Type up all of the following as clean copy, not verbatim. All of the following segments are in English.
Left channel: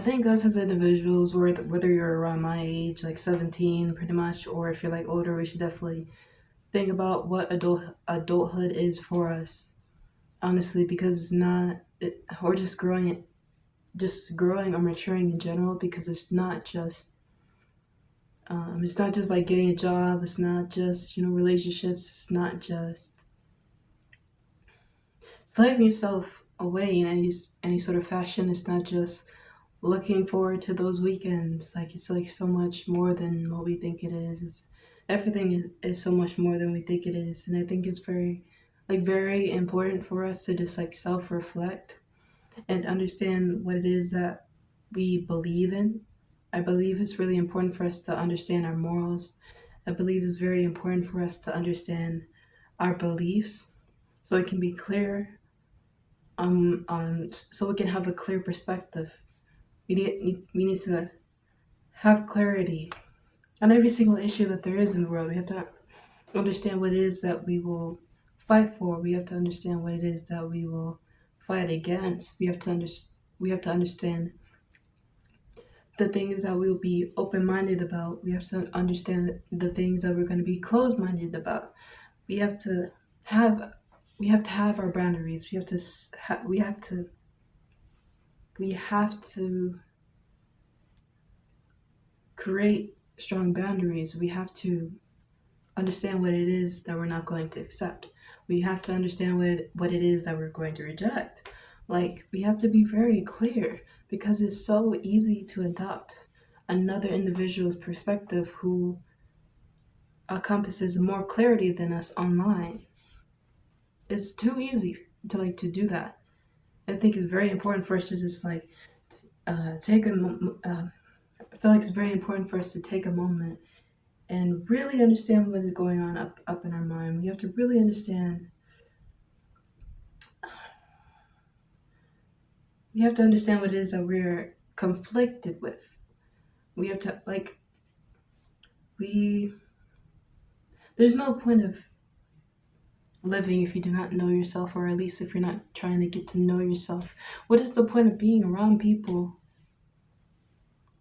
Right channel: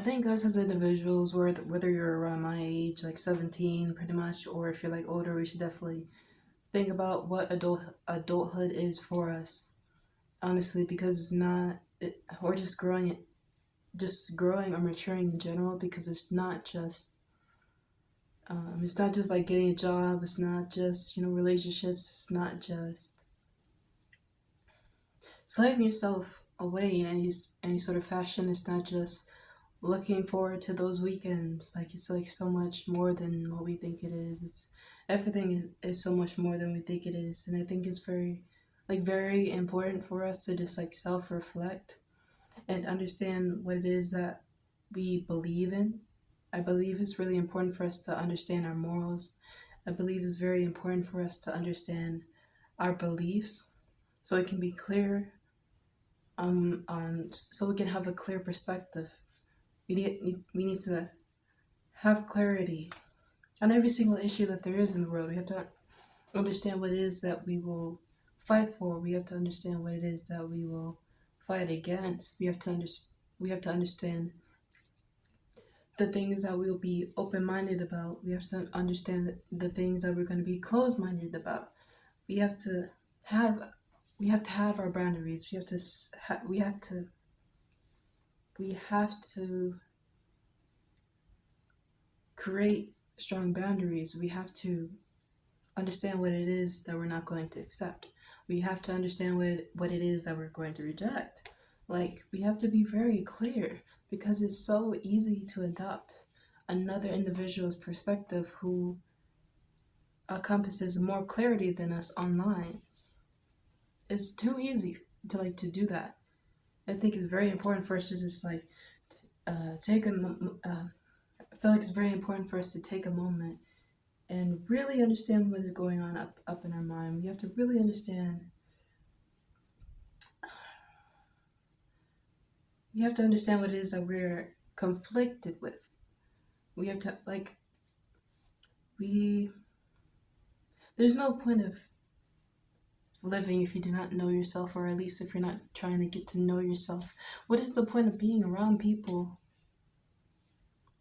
think us as individuals, whether you're around my age, like 17 pretty much, or if you're like older, we should definitely think about what adulthood is for us, honestly, because it's not or just growing or maturing in general, because it's not just like getting a job, it's not just, relationships, it's not just slaving yourself away in any sort of fashion. It's not just looking forward to those weekends. Like, it's like so much more than what we think it is. It's everything is so much more than we think it is. And I think it's very important for us to just like self-reflect and understand what it is that we believe in. I believe it's really important for us to understand our morals. I believe it's very important for us to understand our beliefs so it can be clear, so we can have a clear perspective. We need to have clarity on every single issue that there is in the world. We have to understand what it is that we will fight for. We have to understand what it is that we will fight against. We have to understand the things that we'll be open-minded about. We have to understand the things that we're going to be closed-minded about. We have to have our boundaries. We have to create strong boundaries. We have to understand what it is that we're not going to accept. We have to understand what it is that we're going to reject. Like, we have to be very clear, because it's so easy to adopt another individual's perspective who encompasses more clarity than us online. It's too easy to do that. I think it's very important for us to just take a I feel like it's very important for us to take a moment and really understand what is going on up in our mind. We have to really understand. We have to understand what it is that we're conflicted with. We have to we. There's no point of living if you do not know yourself, or at least if you're not trying to get to know yourself. What is the point of being around people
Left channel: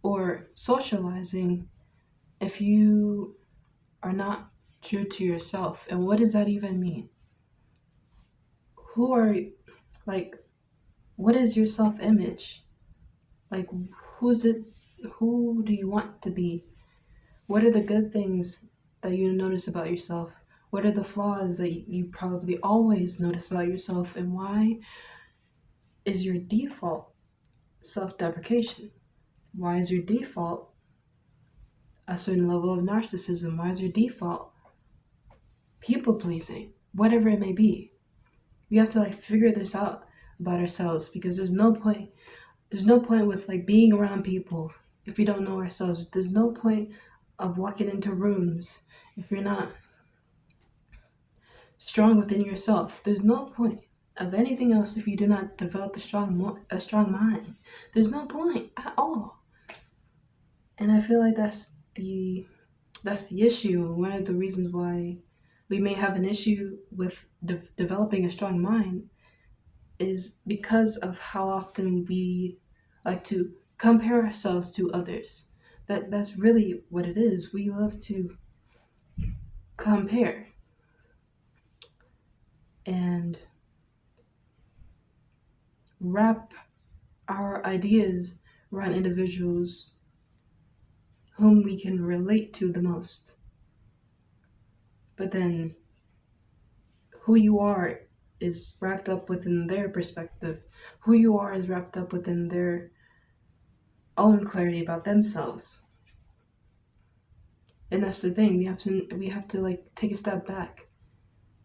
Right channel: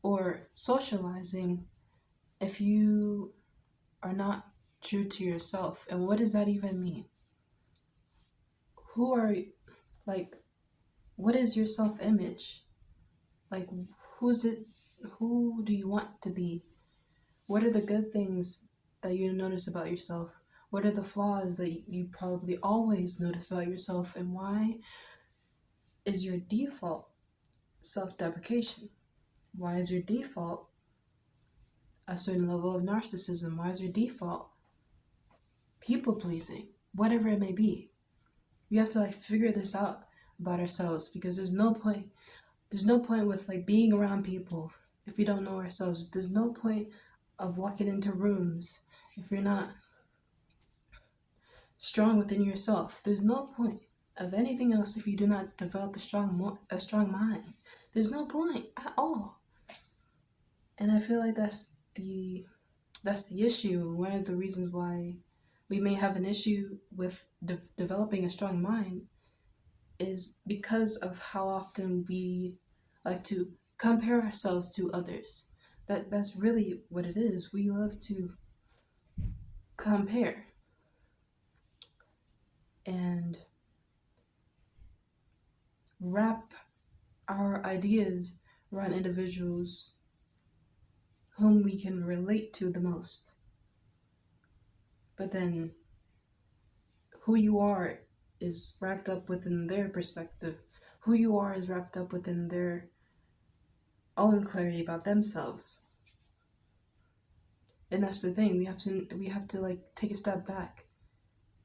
or socializing if you are not true to yourself? And what does that even mean? Who are like what is your self-image? Like, who's it who do you want to be? What are the good things that you notice about yourself? What are the flaws that you probably always notice about yourself? And why is your default self-deprecation? Why is your default a certain level of narcissism? Why is your default people pleasing? Whatever it may be. We have to figure this out about ourselves, because there's no point with being around people if we don't know ourselves. There's no point of walking into rooms if you're not strong within yourself. There's no point of anything else if you do not develop a strong mind. There's no point at all. And I feel like that's the issue. One of the reasons why we may have an issue with developing a strong mind is because of how often we like to compare ourselves to others. That's really what it is. We love to compare and wrap our ideas around individuals whom we can relate to the most. But then who you are is wrapped up within their perspective. Who you are is wrapped up within their own clarity about themselves. And that's the thing. We have to take a step back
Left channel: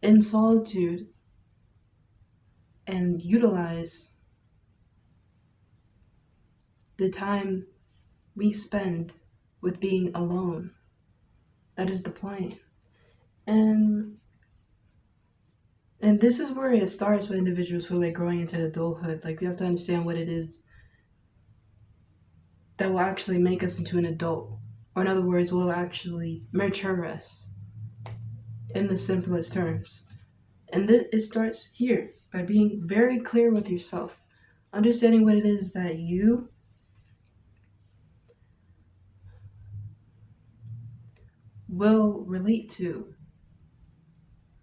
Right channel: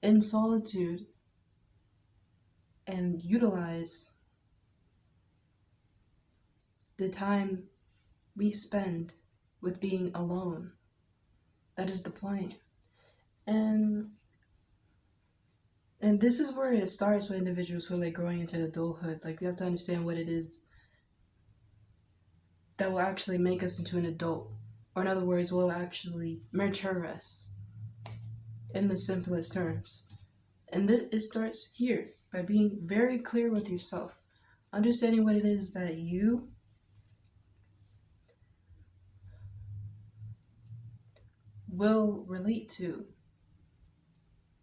in solitude and utilize the time we spend with being alone. That is the point. And this is where it starts with individuals who are growing into adulthood. We have to understand what it is that will actually make us into an adult. Or in other words, will actually mature us in the simplest terms. And it starts here, by being very clear with yourself. Understanding what it is that you will relate to.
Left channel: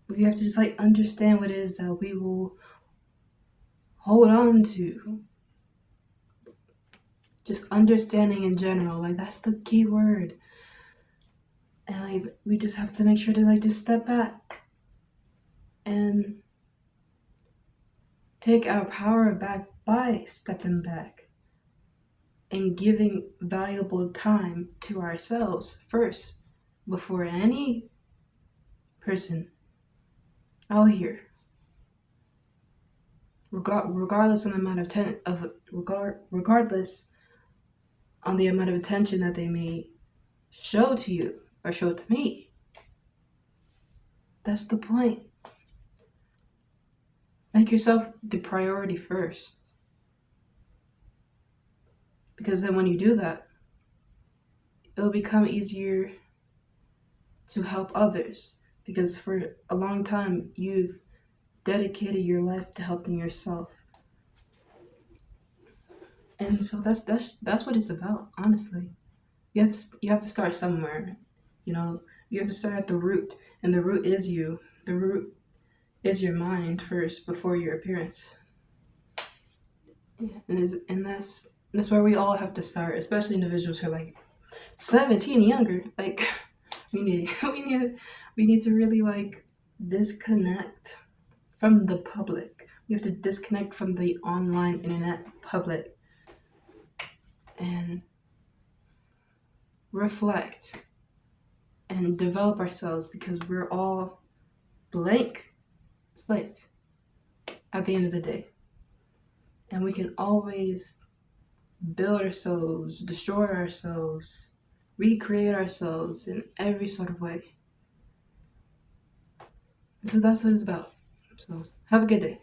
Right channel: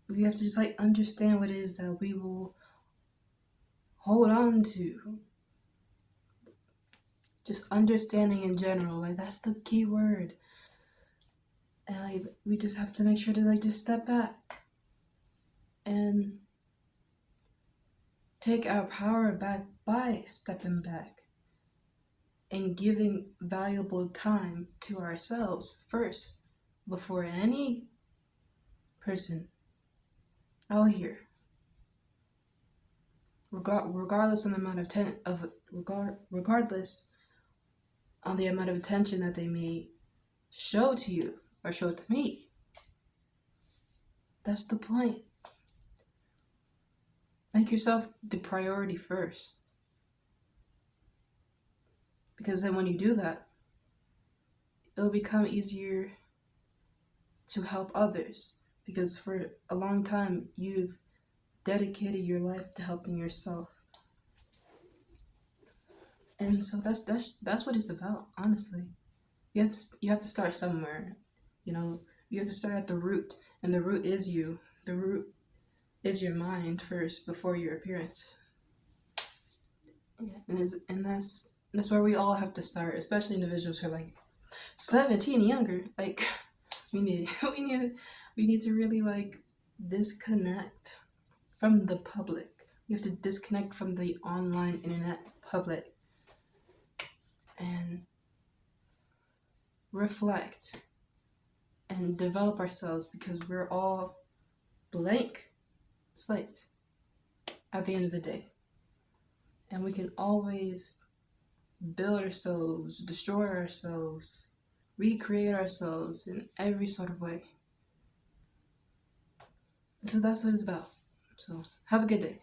We have to just like understand what it is that we will hold on to. Just understanding in general, like that's the key word. And like we just have to make sure to like just step back and take our power back by stepping back and giving valuable time to ourselves first before any person out here, regardless on the amount regardless on the amount of attention that they may show to you or show to me. That's the point. Make yourself the priority first. Because then when you do that, it'll become easier to help others. Because for a long time, you've dedicated your life to helping yourself. And so that's what it's about, honestly. You have to start somewhere. You have to start at the root, and the root is you. The root is your mind first before your appearance. Yeah, and that's where we all have to start, especially individuals who are like 17 and younger. Like we need to really like disconnect from the public. We have to disconnect from the online internet public and reflect and develop ourselves, because we're all blank slates at the end of the day. And we can always build ourselves, destroy ourselves, recreate ourselves in every sort of way. So that's what it's about. So have a good day.